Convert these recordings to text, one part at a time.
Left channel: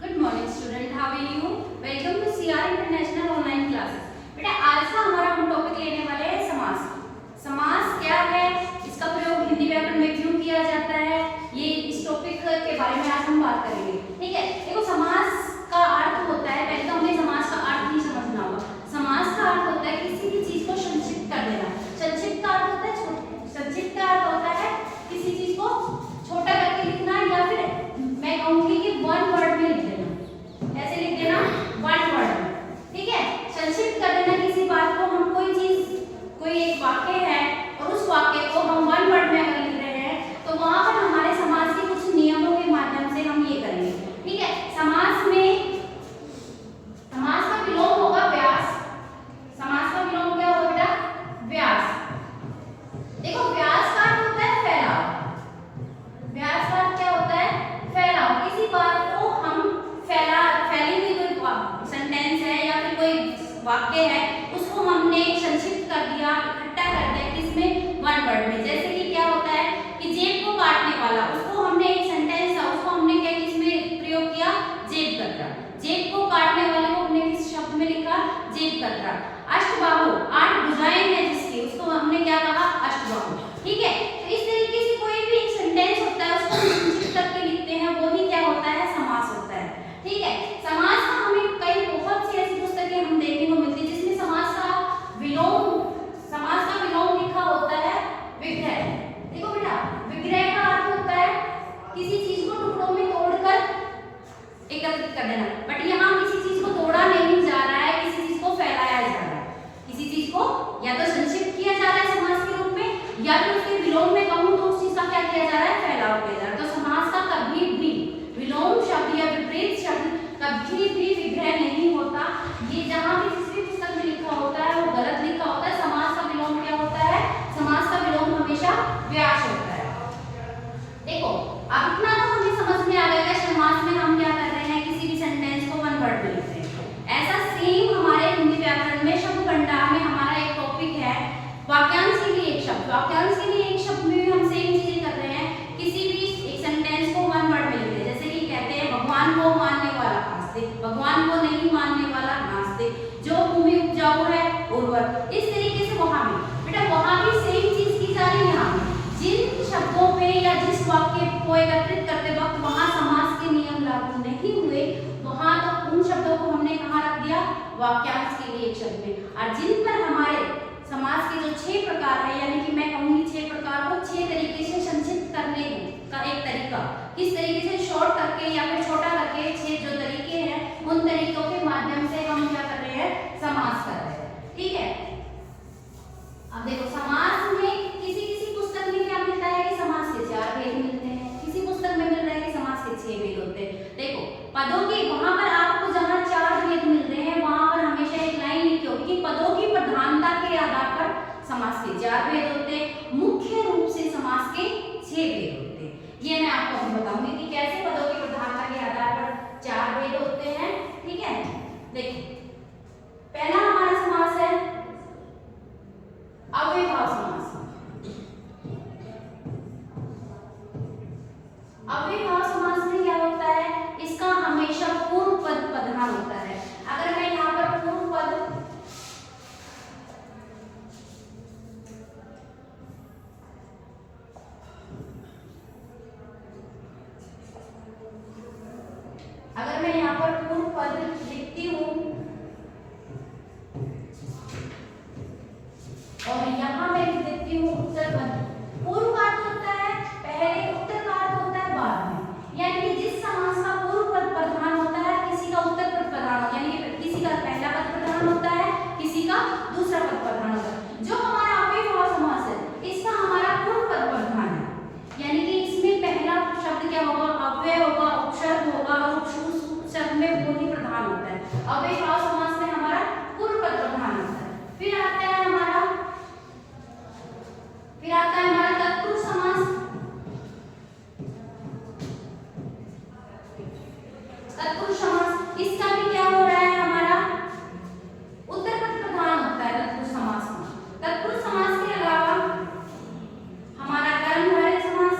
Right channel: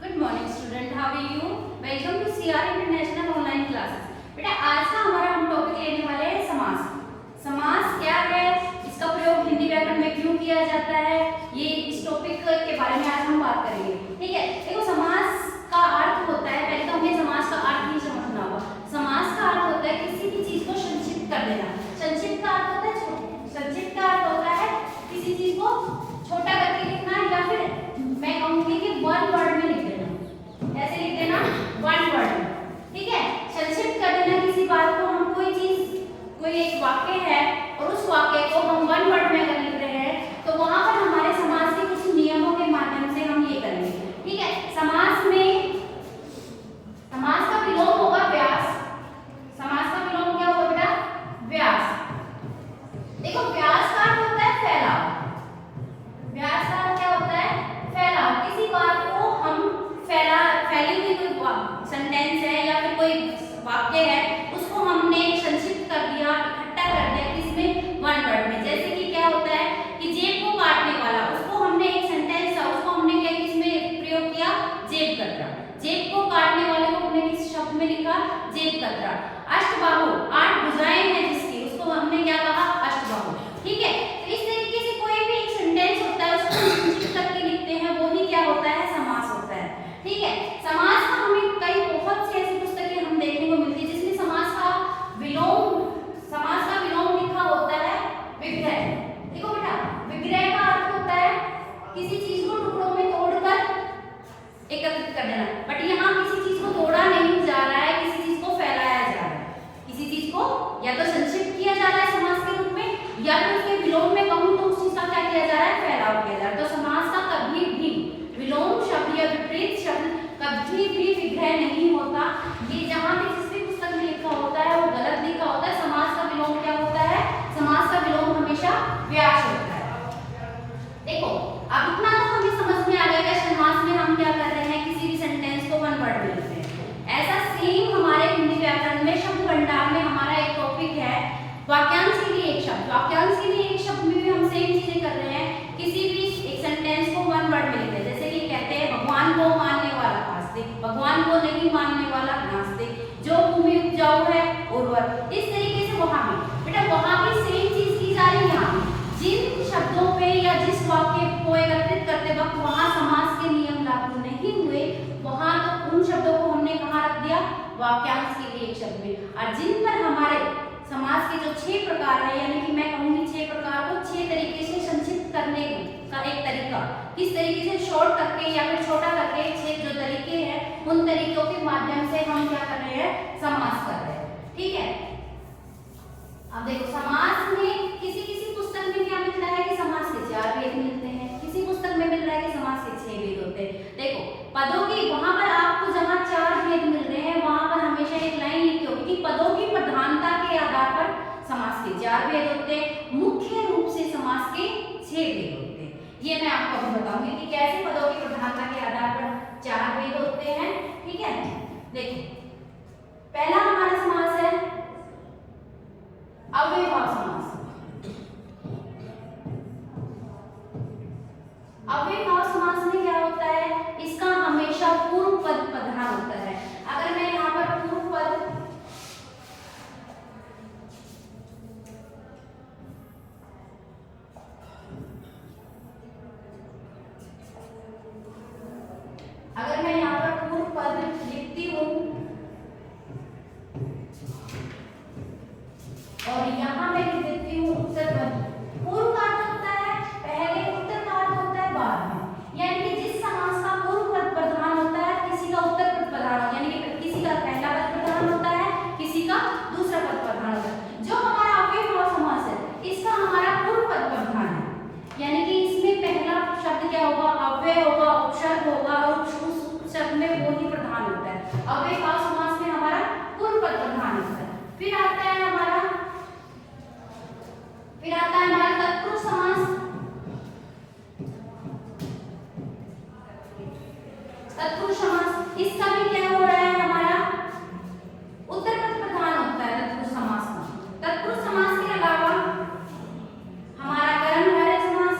Good morning student, how are you? Welcome to CR international online classes. बेटा आज का हमारा हम टॉपिक लेने वाले हैं समास। समास क्या है, इसका प्रयोग हिंदी व्याकरण में क्यों किया जाता है, ये इस टॉपिक के बारे में आज हम बात करेंगे। ठीक है, देखो समास का अर्थ होता है, पहले तो हमें समास का अर्थ नहीं समझना होगा। समास का अर्थ होता है किसी भी चीज को संक्षिप्त कर देना। संक्षिप्त का अर्थ होता है संक्षिप्त का अर्थ होता है किसी चीज को छोटा करके लिखना, या फिर मैं कहूंगी कि वन वर्ड में लिख देना। ऐसे लिख देना वन वर्ड में। ठीक है, संक्षिप्त कर देना किसी बात को। हम कोई चीज, कोई एक वाक्य है और उस वाक्य को हम वन वर्ड में अगर लिख रहे हैं तो वहां पर हमारे समास के कुछ नियमों के माध्यम से हम ये करेंगे। ठीक है, समास का विलोम होगा व्यास। समास का विलोम क्या होगा बेटा? व्यास। देखो व्यास का अर्थ होता है फैलाव। व्यास का अर्थ क्या होता है? फैलाव। किसी बात को हम फैली हुई कोई सेंटेंस है या फिर कोई वाक्य है, उसको हमने संक्षिप्त कर दिया, इकट्ठा कर दिया किसमें? वन वर्ड में। जैसे कि क्या होता है कि जेब को काटने वाला, उसको हमने एक सेंटेंस था, उसको हमने क्या किसमें प्रयोग किया? जेब कतरा। जेब को काटने वाले को हमने किस शब्द में लिखा? जेब कतरा। अष्टबाहु, 8 भुजाएं हैं जिसकी, उसको हमने क्या कहा? अष्टबाहु। ठीक है, तो इस तरीके से कोई भी एक सेंटेंस होता है उसको संक्षिप्त करके लिखते हैं, वो ही क्या होता है? समास होता है। ठीक है, समास का हमें कई बहुत सी ऐसी पुस्तकें हम देखने को मिलती है जिसमें समास का विलोम लिखा होता है विग्रह। देखो बेटा, विग्रह का अर्थ होता है किसी चीज को टुकड़ों में तोड़कर एकत्रित कर देना। बट यहाँ किसी चीज को तोड़ा नहीं जा रहा है, किसी चीज को फैलाया जा रहा है। किसी चीज को या तो संक्षिप्त किया जा रहा है समास के रूप में, या फिर उसके विलोम में कहूँ तो उस चीज का क्या किया जा रहा है? फैलाव किया जा रहा है। तो समास का कभी भी विलोम शब्द या विपरीत शब्द कभी भी विग्रह नहीं होता। ये जहाँ भी जिस भी पुस्तक में लिखा होता है वो गलत लिखा होता है। समास का विलोम क्या होता है? समास का विलोम हमेशा व्यास होता है। देखो अब इतना तो हमें समझ में आ गया कि समास में हम क्या कर रहे हैं? किसी भी सेंटेंस को वन वर्ड में लिख रहे हैं। ऐसा सेम हमारे हिंदी व्याकरण में शब्द भंडार में हमारा एक टॉपिक है वाक्यांश के लिए एक शब्द। वाक्यांश के लिए एक शब्द में भी हम सेम चीजें कर रहे हैं। किसी भी एक सेंटेंस को वन वर्ड में लिख रहे हैं। जैसे कि कहते हैं भगवान को मानने वाला नास्तिक, भगवान को नहीं मानने वाला नास्तिक, जो भूमि उपजाऊ है उर्वर। इस तरीके से वहां भी बेटा वहां भी सेम चीज की जा रही है। यहाँ जिन शब्दों पे या जिस वाक्य को एकत्रित करते वक्त वहां समास के नियम लागू नहीं हुए, वहां तो उन शब्दों को हमने कहाँ रख दिया? वाक्यांश के लिए एक शब्द में। और जिन पर हमारे समास के जो 6 प्रकार है, यानी कि मैं कहूंगी 6 प्रकार को 6 तरीके से संक्षिप्त करने का एक तरीका, किस तरीके से शॉर्ट करके या फिर छोटा करके 6 जो तरीके हैं, उन तरीकों के माध्यम से हम क्या कर रहे हैं? समास कर रहे हैं। ठीक है, अब देखो समास में किसी किसी पुस्तक में क्या मिलता है कि समास के 4 भेद मिलते हैं, किसी पुस्तक में मिल रहा है कि समास के 6 भेद होते हैं। देखो पदों की वहां पर आपको जहां 4 भेद मिल रहे हैं वहां पर हमेशा एक लाइन लिखी होगी कि पदों की प्रधानता के आधार पर समास के 4 भेद होते हैं, मुख्य रूप से समास के 6 भेद होते हैं। ये मैं आपको अभी बताऊंगी कि कैसे पदों की प्रधानता के आधार पर 4 भेद होते हैं। ठीक है, देखो पहला हमारा समास है अव्ययभाव समास। अव्ययभाव समास में क्या होता है? इसका हमेशा पूर्व पद प्रधान होता है। अगर मैं यहाँ पर पूर्व पद लिखती हूँ और यहाँ मैं लिख देती हूँ उत्तर पद। पूर्व का अर्थ होता है पहले, उत्तर का अर्थ होता है बाद में। यानी कि जिस समास का पूर्व पद प्रधान होता है, किसी का उत्तर पद प्रधान होता है, यानी कि किसी का पहला पद प्रधान होता है, किसी का दूसरा पद प्रधान होता है। जो हमारा अव्ययभाव समास है, इसका हमारा पूर्व पद प्रधान है, यानी कि इसमें पहला शब्द क्या होगा? अव्यय होगा, उपसर्ग होगा, और उस शब्द में वो ही प्रधान होता है। अव्ययभाव समास में हमारा पूर्व पद प्रधान होता है। फिर आता है हमारा तत्पुरुष समास। तत्पुरुष समास इसका भी क्या हो रहा है? हमारा उत्तर पद प्रधान होता है तत्पुरुष समास में। तत्पुरुष समास के अलावा हमारा कर्मधारय समास,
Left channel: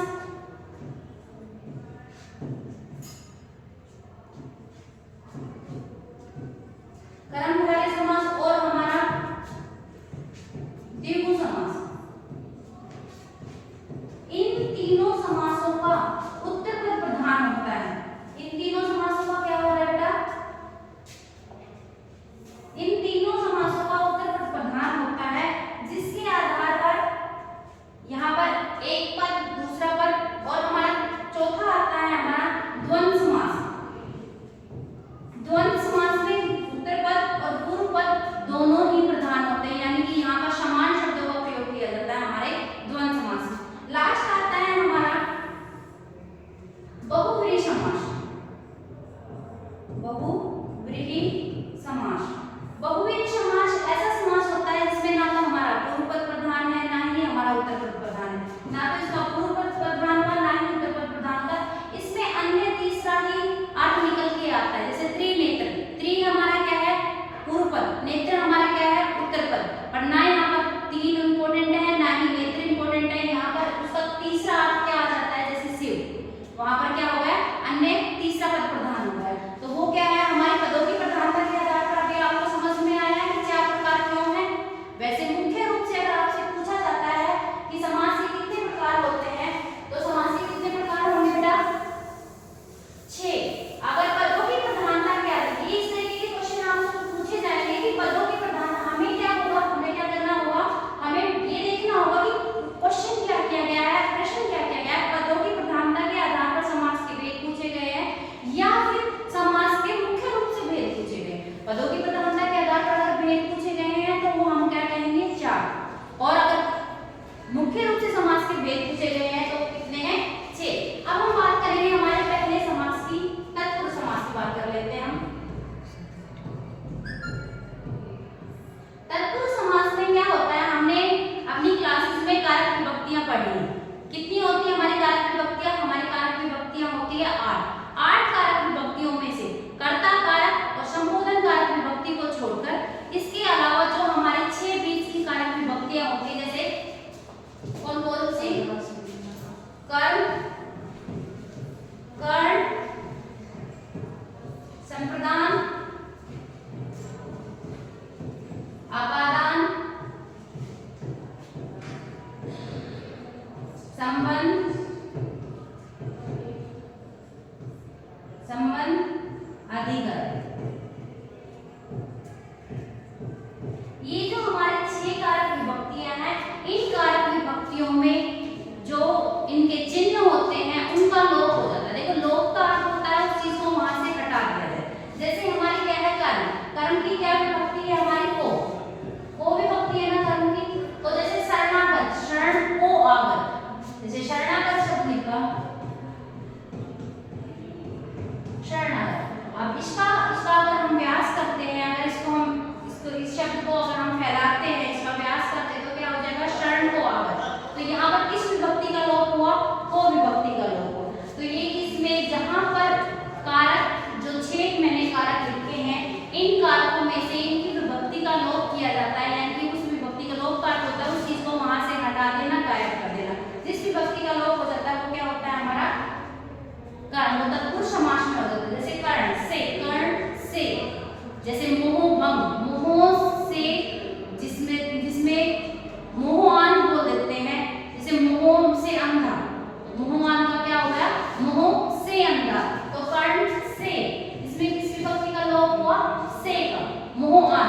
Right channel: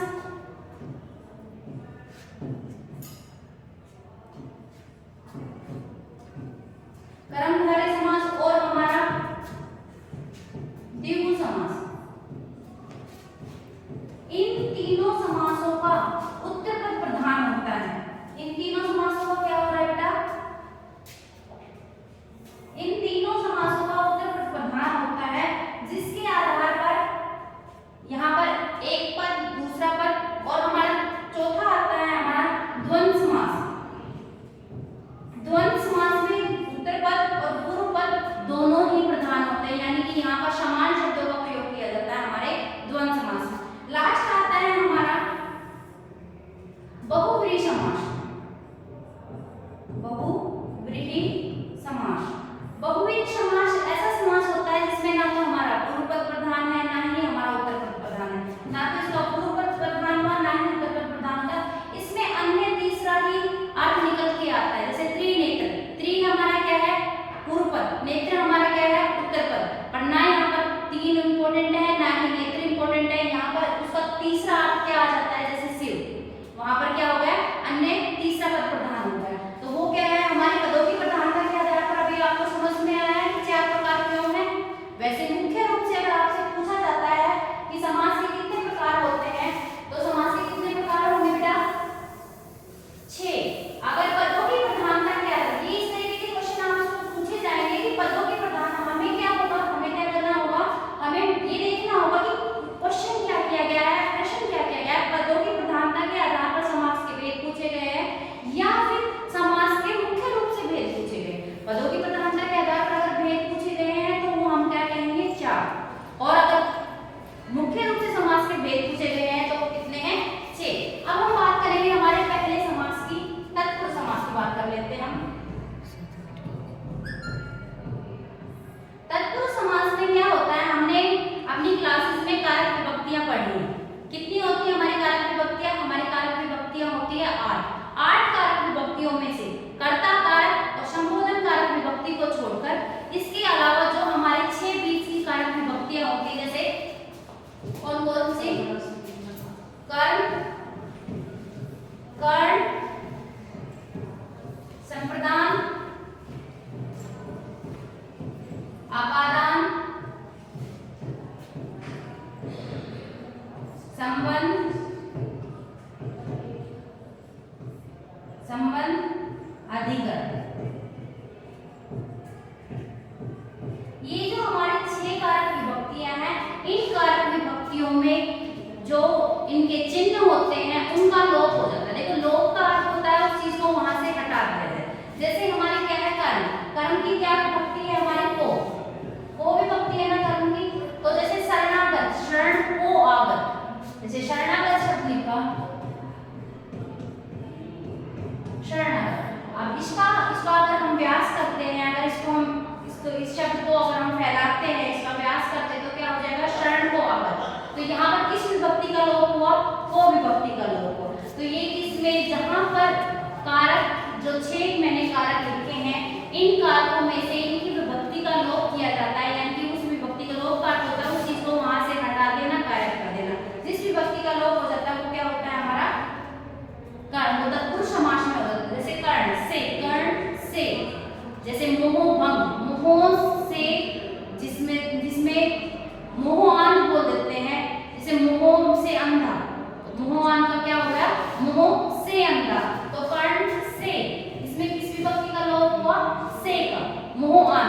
विभक्तियों में से कर्ता कारक और संबोधन कारक विभक्ति को छोड़कर इसके अलावा जो हमारे 6 बीच की कारक विभक्तियां होती है, जैसे कौन कौन सी? कर्म, कर्ण, संप्रदान, अपादान, संबंध, अधिकरण। ये जो हमारे 6 कारक विभक्तियां हैं, इन कारक विभक्तियों में जो इनके चिन्ह होते हैं उनका लोप हो जाता है। देखो लोप का अर्थ होता है उस चीज को वहां से हटा दिया जाए। जैसे हमारी क्या है कर्म, कर्म की क्या विभक्ति है हमारी को विभक्ति है ना कर्म की। तो जैसे शरणागत, शरण को आगत, जैसे शरणागत शब्द लिखा शरणागत। अब इसका अगर हम व्यास करते हैं, अगर इस शब्द को अगर हम फैलाते हैं, इसका व्यास करते हैं तो क्या हो जाएगा? शरण को आगत। तो यहाँ पर किस विभक्ति का लोप हुआ? को विभक्ति का लोप हुआ। तो ये इसमें जहां पर कारक जो 6 मैंने कारक लिखे हैं, इन कारकों में से इनकी विभक्ति का लोप किया जाता है, यानी कि उस विभक्ति का लोप का अर्थ होता है उस चीज को वहां से हटा देना, गायब कर देना। जिस विभक्ति का लोप हो जाता है वो क्या होता है? हमारा कर्म तत्पुरुष समास में होता है। जैसे कर्ण से, जैसे मोह भंग, मोह से, जिसमें मोहान बोल देते हैं। जैसे मोह से अंधा, मोहान का क्या हो गया? मोह से अंधा। तो कर्ण से, इसमें किस विभक्ति का लोप हुआ? से का, मोहान।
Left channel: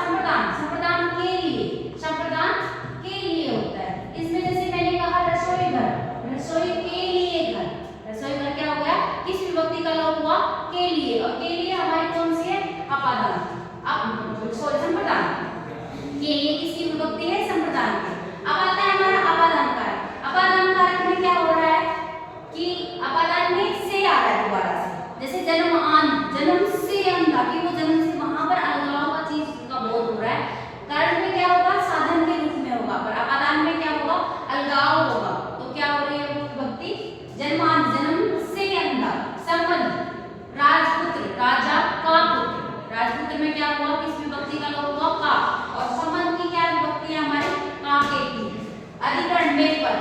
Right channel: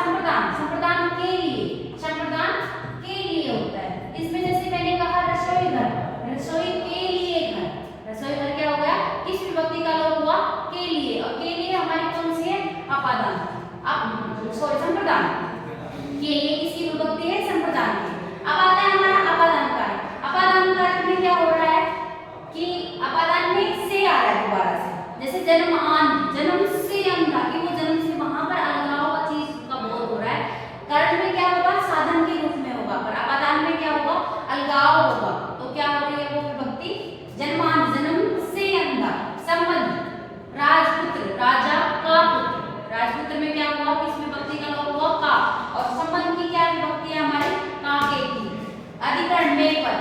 संप्रदान, संप्रदान के लिए होता है। इसमें जैसे मैंने कहा रसोई घर, रसोई के लिए घर, रसोई घर क्या हो गया? किस विभक्ति का लोप हुआ? के लिए। और के लिए हमारी कौन सी है? अपादान, संप्रदान। के लिए किसकी विभक्ति है? संप्रदान की। अब आता है हमारा अपादान कारक। अपादान कारक में क्या हो रहा है कि अपादान में से आ रहा है दोबारा से। जैसे जन्मान, जन्म से अंधा, कि वो जन्म से वहां पर अलगाव का चीज का बोध हो रहा है। कर्ण में क्या होगा? साधन के रूप में होगा, पर अपादान में क्या होगा? अलगाव होगा। तो क्या हो रही है वो विभक्ति? जन्मान, जन्म से अंधा। संबंध, राजपुत्र, राजा का पुत्र। राजपुत्र में क्या हुआ? किस विभक्ति का लोप हुआ? का। और संबंध की क्या विभक्ति है हमारी? का के की। अधिकरण में पर,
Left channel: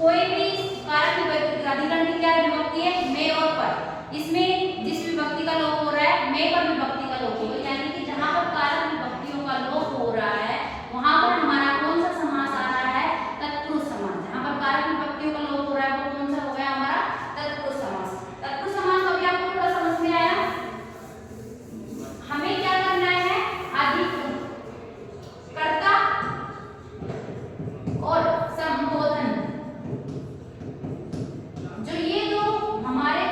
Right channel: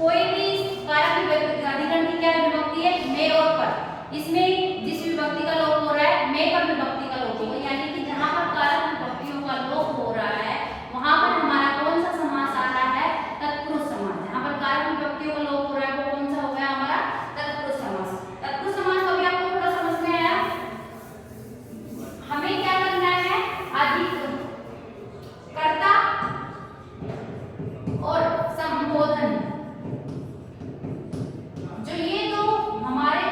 कोई भी कारक की अधिकरण की क्या विभक्ति है? में और पर। इसमें जिस विभक्ति का लोप हो रहा है, में पर विभक्ति का लोप होगा, यानी कि जहां पर कारक विभक्तियों का लोप हो रहा है वहां पर हमारा कौन सा समास आ रहा है? तत्पुरुष समास। जहां पर कारक विभक्तियों का लोप हो रहा है वो कौन सा हो गया हमारा? तत्पुरुष समास। तत्पुरुष समास अभी आपको थोड़ा समझ में आया? हमें क्या करना है? अधिक कर्ता और संबोधन, जो ये दो हमारे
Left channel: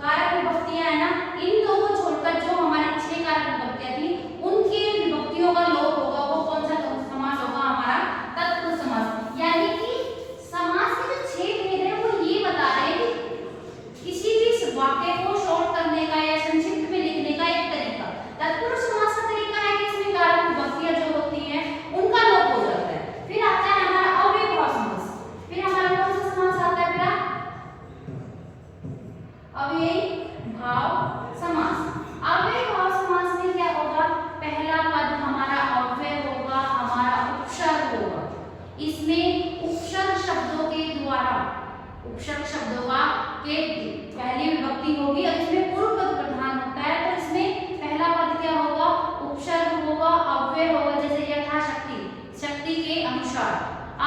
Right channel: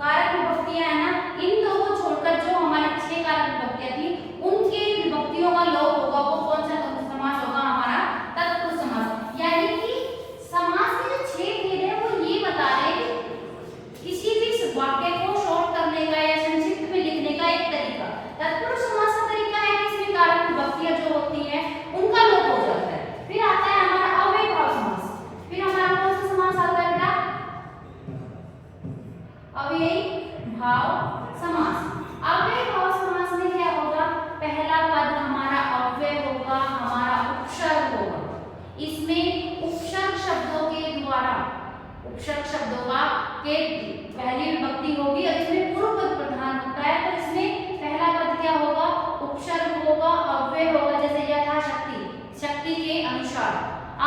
कारक विभक्तियां है ना, इन दो को छोड़कर जो हमारे 6 कारक विभक्तियां थी उनके विभक्तियों का लोप होगा। वो कौन सा समास होगा? हमारा तत्पुरुष समास। यानी कि समास के जो 6 भेद है वो ये बता रहे हैं कि किसी भी वाक्य को शॉर्ट करने का या संक्षिप्त में लिखने का एक तरीका। तत्पुरुष समास का तरीका है कि इसमें कारक विभक्तियां जो होती हैं उनका लोप हो जाता है। फिर आता है हमारा अव्ययभाव समास। फिर हमारा कौन सा समास आता है बेटा? अव्ययभाव समास। अव्ययभाव समास में क्या होगा? पहला पद हमारा अव्यय होगा, हमारा उपसर्ग होगा। इसमें उपसर्ग शब्दों के द्वारा, उपसर्ग शब्दों का के पहली विभक्ति होगी और इसमें पूर्व पद प्रधान होता है। तो इसमें पहला पद क्या होगा? उपसर्ग होगा, अव्यय होगा। जैसे यथाशक्ति, शक्ति के अनुसार।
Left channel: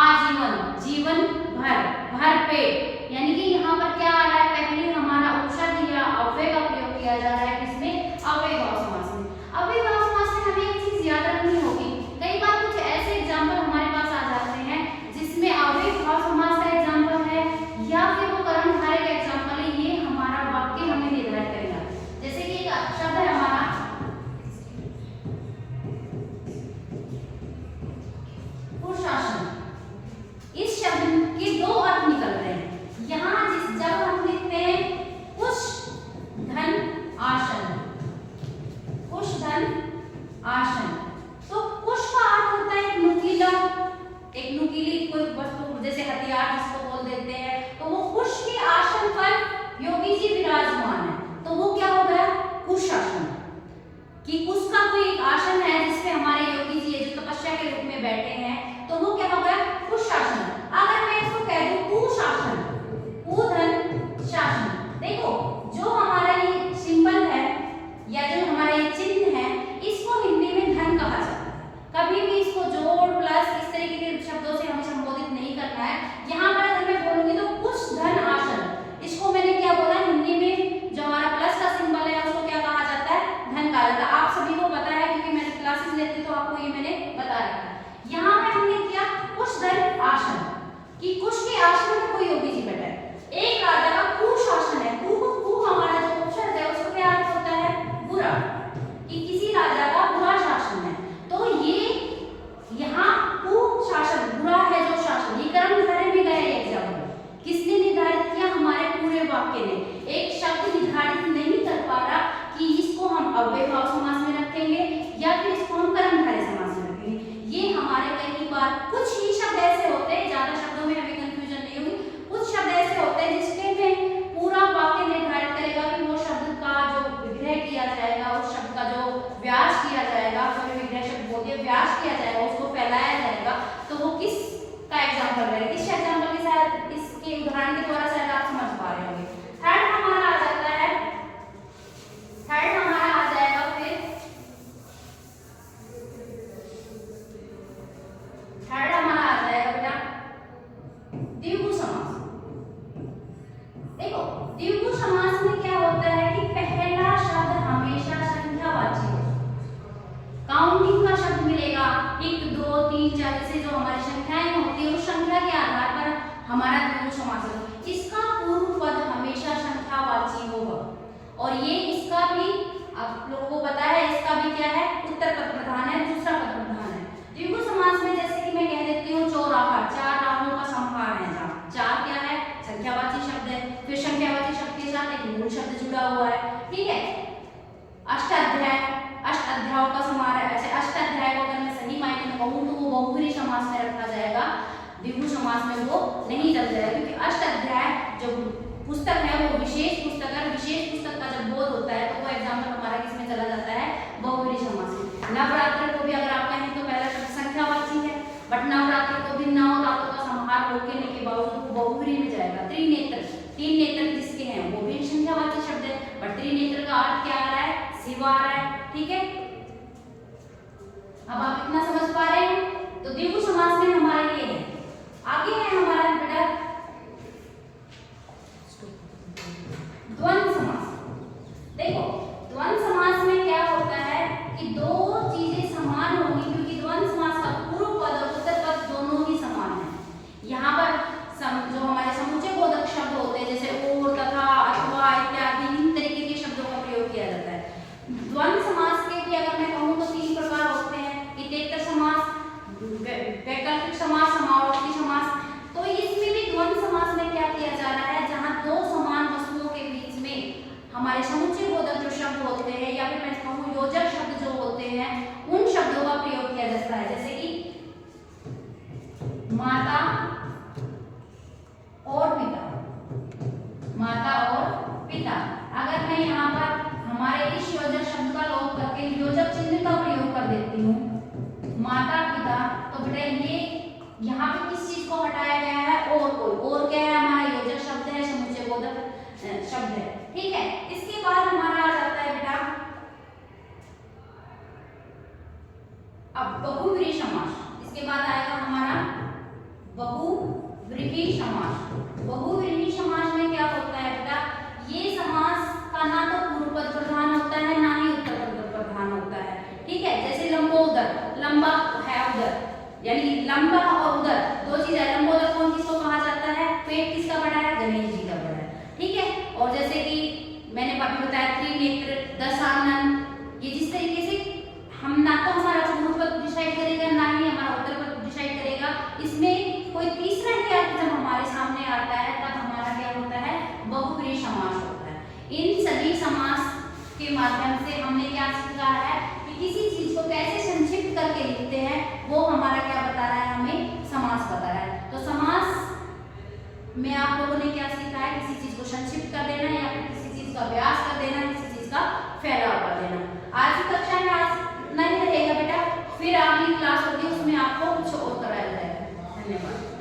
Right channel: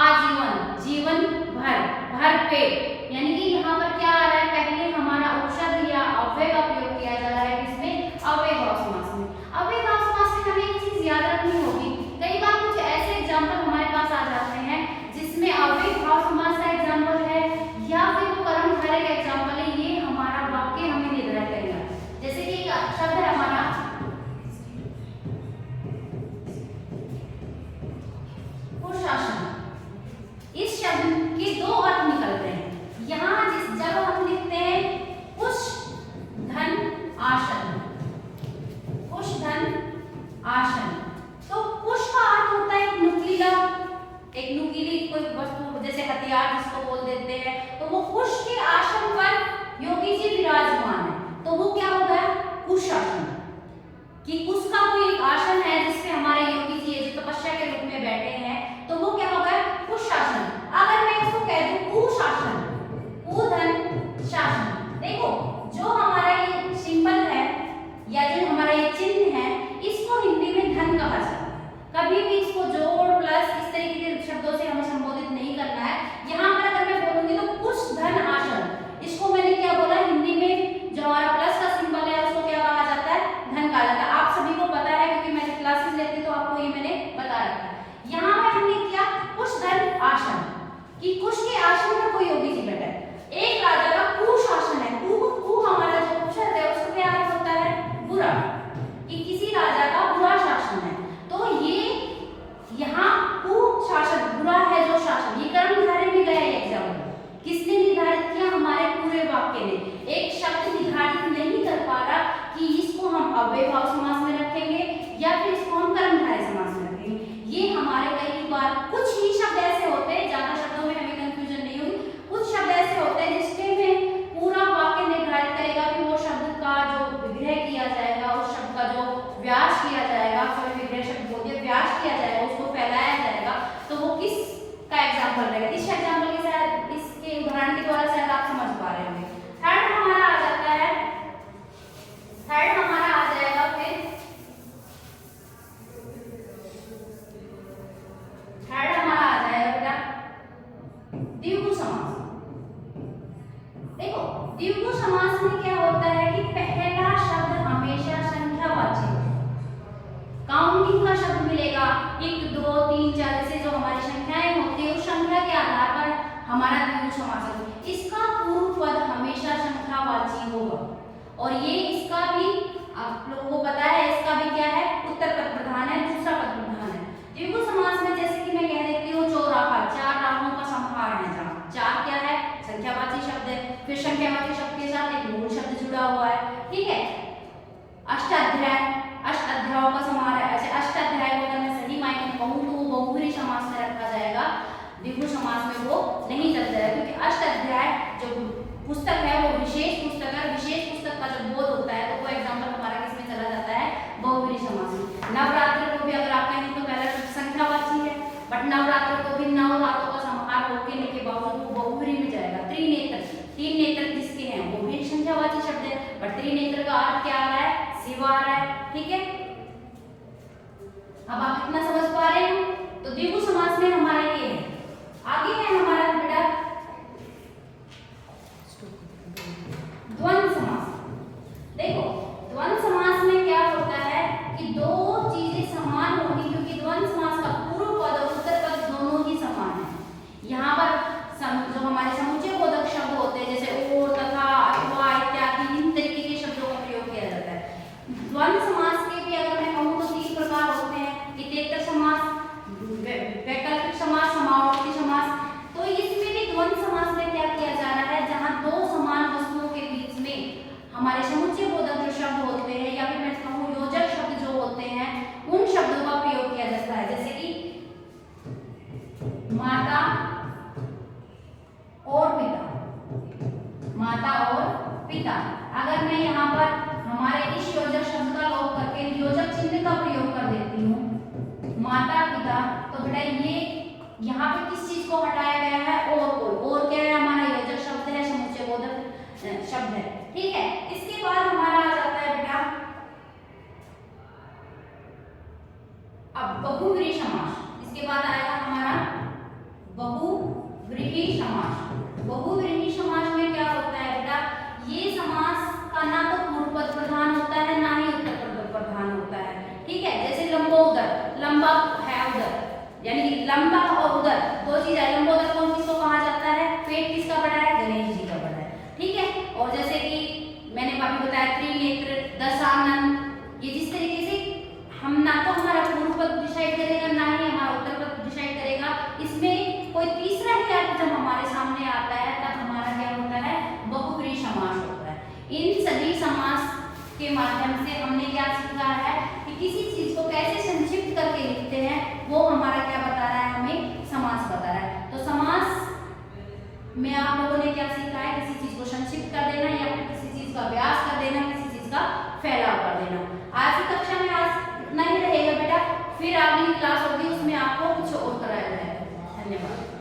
आजीवन, जीवन भर, भर पेट। यानी कि यहाँ पर क्या आ रहा है? पहले हमारा उपसर्ग या अव्यय का प्रयोग किया जा रहा है। इसमें अव्ययभाव समास में। अव्ययभाव समास में हमें एक चीज याद रखनी होगी। कई बार कुछ ऐसे एग्जाम्पल हमारे पास आ जाते हैं जिसमें अव्ययभाव समास का एग्जाम्पल है या फिर वो कर्मधारय का एग्जाम्पल है। ये हमारा वाक्य हमें निर्धारित करेगा। जैसे कि एक शब्द है हमारा पुरुषासन। इस शब्द के 2 अर्थ निकल रहे हैं। यहाँ जब हम लिखते हैं पुष धन आसन, में क्या होता है कि पहला शब्द हमेशा संख्यावाची हो, काउंटिंग का शब्द मिलेगा, 1 2 3 4 जैसे जो हमारी संख्याएं होती है उस संख्या के आधार पर हमारा द्विगु समास होगा। इसका पूर्व पद हमेशा संख्यावाची होगा और ये इसका भी आप लोगों को पता है, इसका भी क्या है, उत्तर पद प्रधान है, दूसरा पद प्रधान है। द्विगु समास में जैसे कि मैं कह देती हूँ चौराहा, 4 राहों का समाहार है, जहाँ 4 क्या है, संख्यावाची शब्द है, फिर संख्यावाची शब्द के साथ एक मूल शब्द जुड़ा हुआ है, ठीक है। अष्टाध्याय, अष्ट अध्यायों का समाहार है। ऐसे अष्टाध्याय को अगर मैं सही मायने में कहूँ तो वो बहुब्रीहि समास में रखा जाएगा, द्विगु समास में वो नहीं चल जाएगा, क्योंकि अष्टाध्याय जो पुस्तक है वो विशेष पुस्तक है। विशेष पुस्तक का जब बोध होता है तो वो एग्जाम्पल हमारा किसमें चला जाता है, बहुब्रीहि समास में। नवरात्र को भी अगर आप कहें तो पहला शब्द संख्यावाची है, बट नवरात्र को भी नौ रातों का समाहार होने के बावजूद वो बहुब्रीहि में जाएगा। त्रिनेत्र, 3 नेत्र जिसके हैं वो भी संख्यावाची शब्द है, बट त्रिनेत्र का अर्थ क्या आ रहा है, शिव आ रहा है, ठीक है। अब आप इतना समझ पा रहे हैं, तो द्विगु समास में हमारा ये है। आगे है हमारा बेटा द्वंद्व समास। देखो द्वंद्व समास में क्या होता है कि दो चीजें समान होंगी, क्योंकि द्वंद्व समास का पूर्व पद और उत्तर पद दोनों ही समान है। यहाँ पर जो हमारे समुच्चय बोधक शब्द होते हैं जैसे और, तथा, अथवा इत्यादि, इन तरीके के शब्दों का प्रयोग किया जाता है। द्वंद्व समास के भी अगर मैं कहूँ तो 3 प्रकार होते हैं, इतरेतर समास, वैकल्पिक समास, समावर्ती समास। तो इसमें भी द्वंद्व समास में क्या किया जा रहा है, जहाँ दो समान वस्तुओं के बीच में हमारे समुच्चय बोधक जो शब्द होते हैं या फिर मैं कहूँ योजक शब्द जो होते हैं उन शब्दों का प्रयोग किया जाता है, जैसे कि माता और पिता, माता और पिता। अगर मैं यहाँ पर हमारे इस योजक शब्द का लोप करके योजक चिन्ह का प्रयोग कर देती हूँ माता पिता, तो बेटा ये यहाँ पे किस चीज को हटाया गया है, और कोई, और क्या है, हमारा योजक शब्द है, समुच्चय बोधक शब्द है, ठीक है। इसके बाद हमारा आ जाता है बेटा अब बहुव्रीहि समास। इसके बाद आएगा हमारा बहुव्रीहि समास। बहुव्रीहि समास में क्या होता है बेटा, ये समास का ना तो पूर्व पद प्रधान होता है ना ही उत्तर पद प्रधान होता है, ठीक है। जैसे लंबोदर, लंबा है उदर, यानी लंबा और उदर दो चीज है। लंबोदर कौन किसको कहा जाता है, पेट किसका बड़ा है, गणेश जी का बड़ा है, ठीक है। और जैसे कि मैंने अभी बताया त्रिनेत्र, दशानन, ये जिस तरीके से हम ना तो हमारा पूर्व पद डिसाइड करेगा ना ही हमारा उत्तर पद डिसाइड करेगा, इसमें कोई तीसरा ही अर्थ जब हमारे सामने आता है तब हमारा क्या होता है, बहुव्रीहि समास होता है। इन सभी समास के माध्यम से हमने क्या सीखा है कि किसी चीज को कैसे संक्षिप्त करके लिखते हैं, वो हमारा क्या बता रहा है, हमें समास बता रहा है। तो समास में आप लोगों ने क्या सीखा है, किसी चीज को संक्षिप्त कर देना या फिर किसी चीज का व्यास कर देना, किसी चीज का फैलाव कर देना। आज की कक्षा में आज नहीं रहेगा बेटा, फिर अगली क्लास होगी उसमें आपको कुछ और कराया जाएगा। धन्यवाद।